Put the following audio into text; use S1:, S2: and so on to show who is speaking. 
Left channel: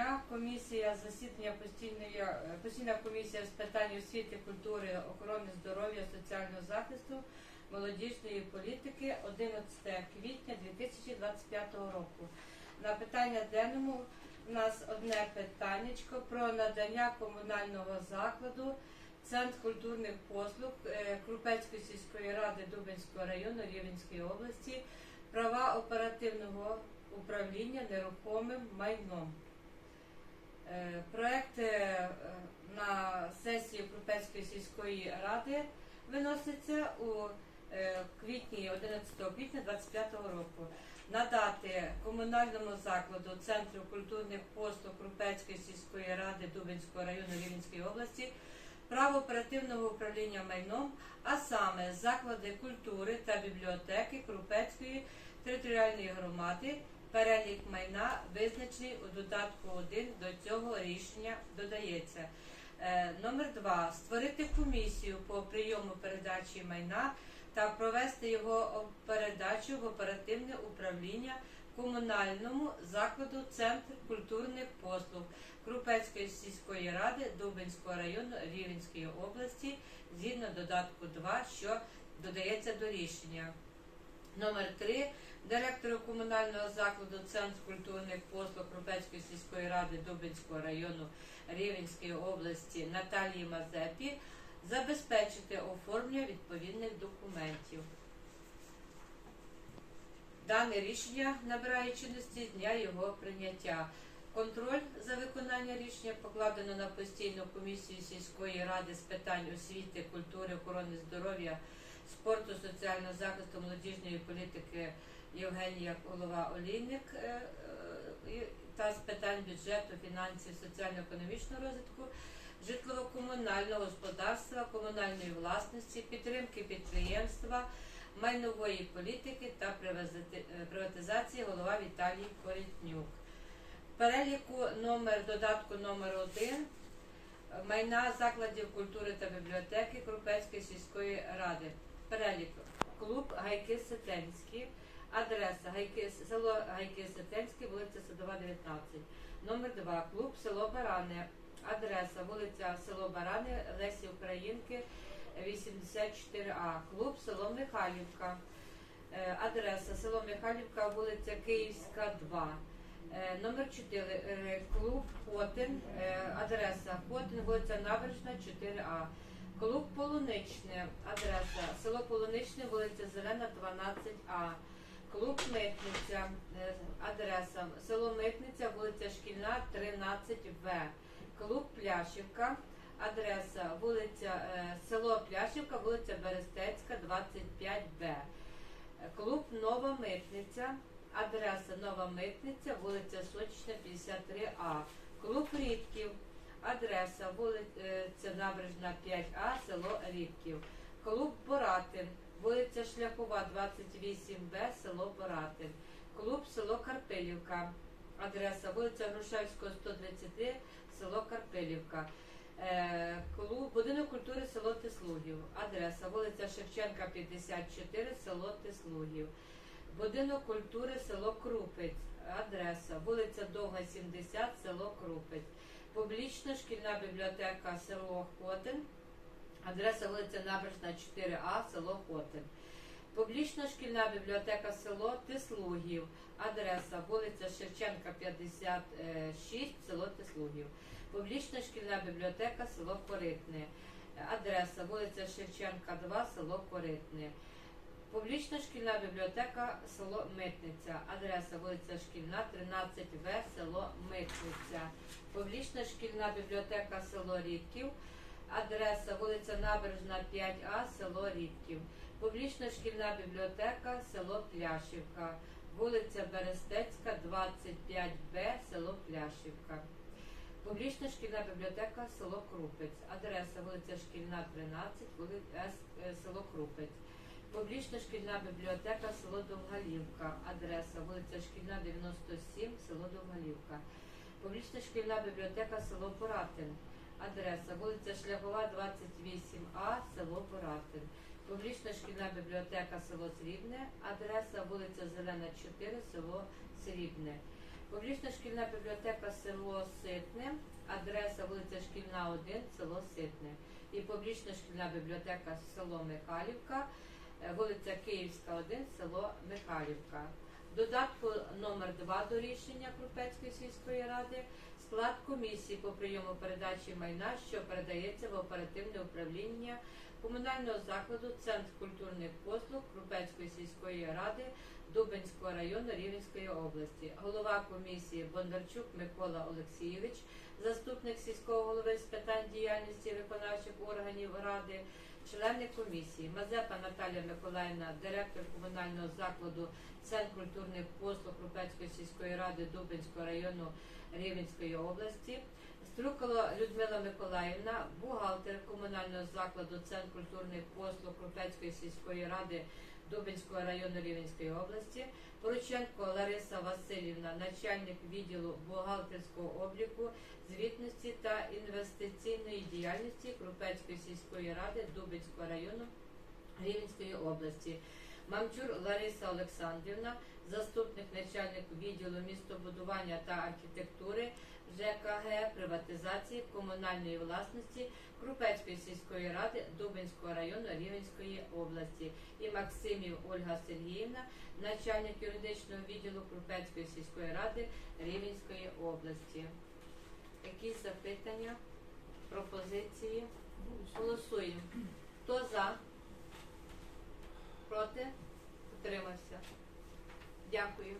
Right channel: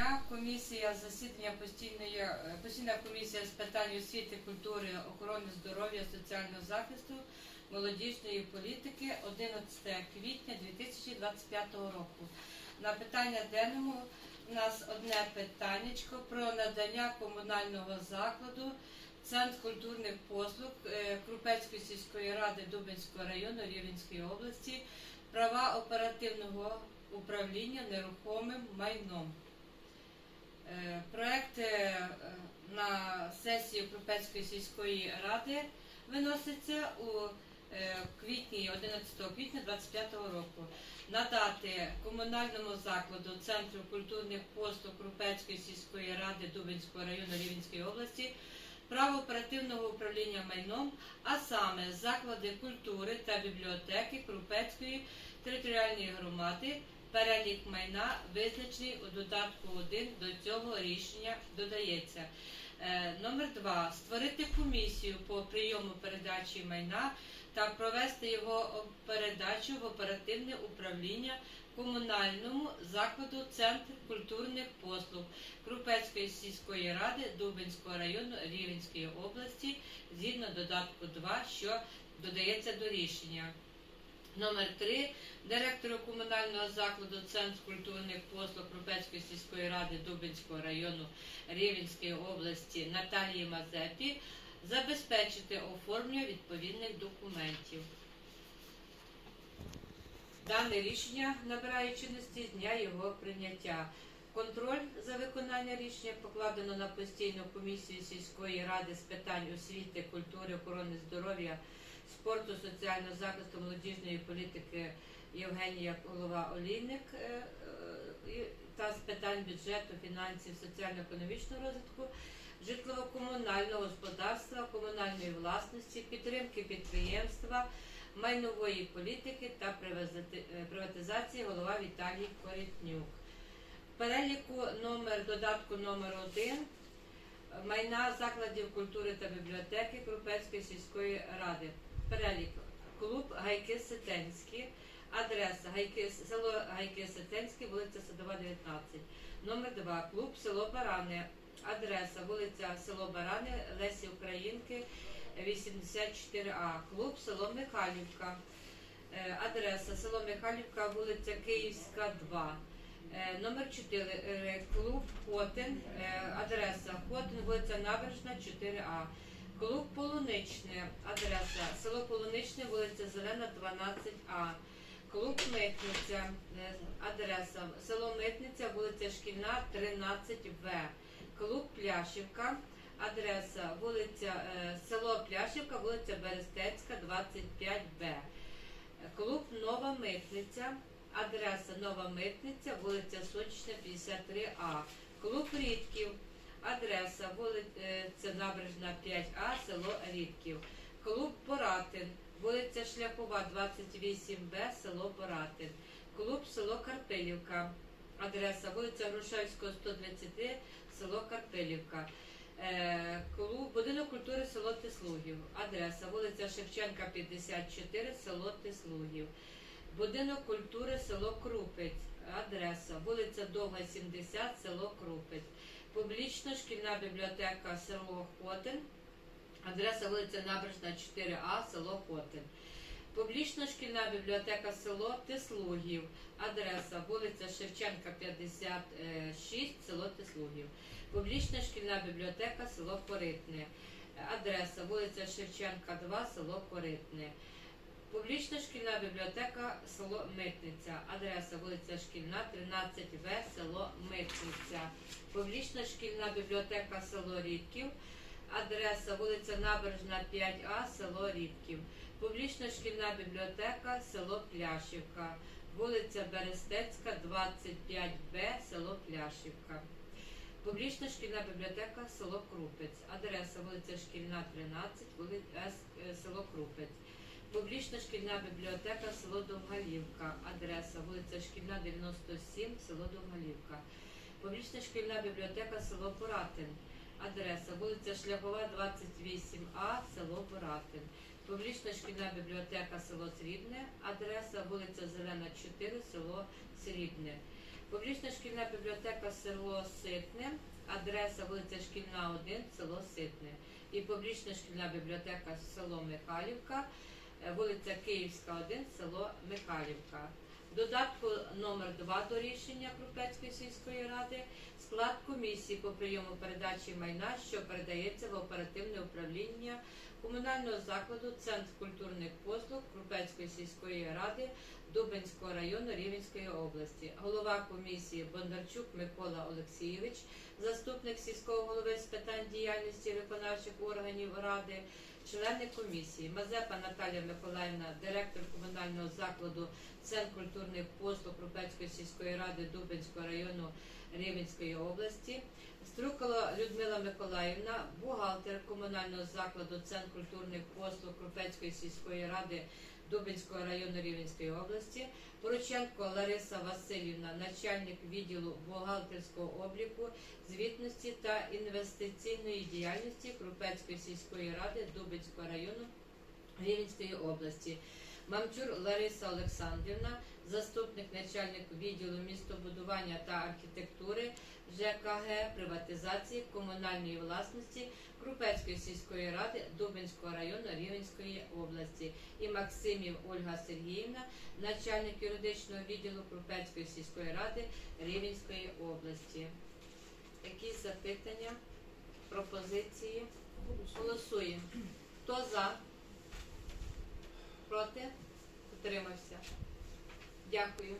S1: дня комісія засідання постійної е, постійна комісія з питань освіти, культури, охорони здоров'я, соціального захисту, молодіжної політики 11 квітня 2025 року. На питання денному у нас одне питаннячко про надання комунального закладу Центр культурних послуг е, Крупецької сільської ради Дубинського району Рівненської області права оперативного управління нерухомим майном. Е, Проект е, на сесію Крупецької сільської ради виноситься у е, квітні 11 квітня 2025 року. Надати комунальному закладу Центру культурних послуг Крупецької сільської ради Дубинського району Рівненської області право оперативного управління майном, а саме заклади культури та бібліотеки Крупецької територіальної громади. Перелік майна визначений у додатку 1 до цього рішення додається. Е, Номер 2. Створити комісію по прийому передачі майна та провести його передачу в оперативне управління комунальному закладу Центр культурних послуг Крупецької сільської ради Дубинського району Рівненської області згідно додатку 2, що додається до рішення. Номер 3. Директору комунального закладу Центр культурних послуг Крупецької сільської ради Дубинського району Рівненської області Наталії Мазепі забезпечити оформлення відповідних документів. Дане рішення набирає чинності з дня його прийняття. Контроль за виконання рішення покладено на постійну комісію сільської ради з питань освіти, культури, охорони здоров'я, спорту, соціального захисту, молодіжної політики Євгенія Голова Олійник е, е, та з питань бюджету, фінансів, соціально-економічного розвитку, житлово-комунального господарства, комунальної власності, підтримки підприємства, майнової політики та е, приватизації голова Віталій Корітнюк. Переліку номер додатку номер 1 майна закладів культури та бібліотеки Крупецької сільської ради. Перелік клуб Гайки Сетенські, адреса Гайки, село Гайки Сетенські, вулиця Садова, 19. Номер 2 клуб село Барани, адреса вулиця село Барани, Лесі Українки, 84А. Клуб село Михайлівка. Е, Адреса село Михайлівка, вулиця Київська, 2. Е, Номер 4. Клуб Хотин. Е, Адреса Хотин, вулиця Набережна, 4А. Клуб Полуничне. Адреса село Полуничне, вулиця Зелена, 12А. Клуб Митниця. Е, Адреса село Митниця, вулиця Шкільна, 13В. Клуб Пляшівка. Адреса вулиця е, село Пляшівка, вулиця Берестецька, 25Б. Клуб Нова Митниця. Адреса Нова Митниця, вулиця Сочична, 53А. Клуб Рідків. Адреса вулиця Набережна 5А, село Рідків. Клуб Поратин. Вулиця Шляхова, 28Б, село Поратин. Клуб село Карпилівка. Адреса вулиця Грушевського, 133, село Карпилівка. Е, Клуб Будинок культури село Тислугів. Адреса вулиця Шевченка, 54, село Тислугів. Будинок культури село Крупець. Адреса вулиця Довга, 70, село Крупець. Публічна шкільна бібліотека село Хотин. Адреса вулиця Набережна 4А, село Хотин. Публічна шкільна бібліотека село Тислугів. Адреса вулиця Шевченка 56, село Тислугів. Публічна шкільна бібліотека село Коритне. Адреса вулиця Шевченка 2, село Коритне. Публічна шкільна бібліотека село Митниця. Адреса вулиця Шкільна, 13В, село Митниця. Публічна шкільна бібліотека село Рідків. Адреса вулиця Набережна 5А, село Рідків. Публічна шкільна бібліотека село Пляшівка. Вулиця Берестецька, 25Б, село Пляшівка. Публічна шкільна бібліотека село Крупець. Адреса вулиця Шкільна, 13, е, село Крупець. Публічна шкільна бібліотека село Довгалівка. Адреса вулиця Шкільна, 97, село Довгалівка. Публічна шкільна бібліотека село Поратин. Адреса вулиця Шляхова, 28А, село Поратин. Публічна шкільна бібліотека село Срібне. Адреса вулиця Зелена, 4, село Срібне. Публічна шкільна бібліотека село Ситне, адреса вулиця Шкільна 1, село Ситне. І публічна шкільна бібліотека село Михайлівка, вулиця Київська 1, село Михайлівка. Додатку номер 2 до рішення Крупецької сільської ради склад комісії по прийому передачі майна, що передається в оперативне управління комунального закладу Центр культурних послуг Крупецької сільської ради Дубенського району Рівенської області. Голова комісії Бондарчук Микола Олексійович, заступник сільського голови з питань діяльності виконавчих органів ради, члени комісії Мазепа Наталія Миколаївна, директор комунального закладу Центр культурних послуг Крупецької сільської ради Дубинського району Рівенської області. Струкала Людмила Миколаївна, бухгалтер комунального закладу Центр культурних послуг Крупецької сільської ради Дубинського району Рівненської області, Порученко Лариса Васильівна, начальник відділу бухгалтерського обліку, звітності та інвестиційної діяльності Крупецької сільської ради Дубинського району Рівненської області. Мамчур Лариса Олександрівна, заступник начальник відділу містобудування та архітектури ЖКГ, приватизації комунальної власності Крупецької сільської ради Дубинського району Рівненської області і Максимів Ольга Сергіївна, начальник юридичного відділу Крупецької сільської ради Рівненської області. Якісь запитання, пропозиції? Голосуємо. Хто за? Проти? Утримався. Дякую.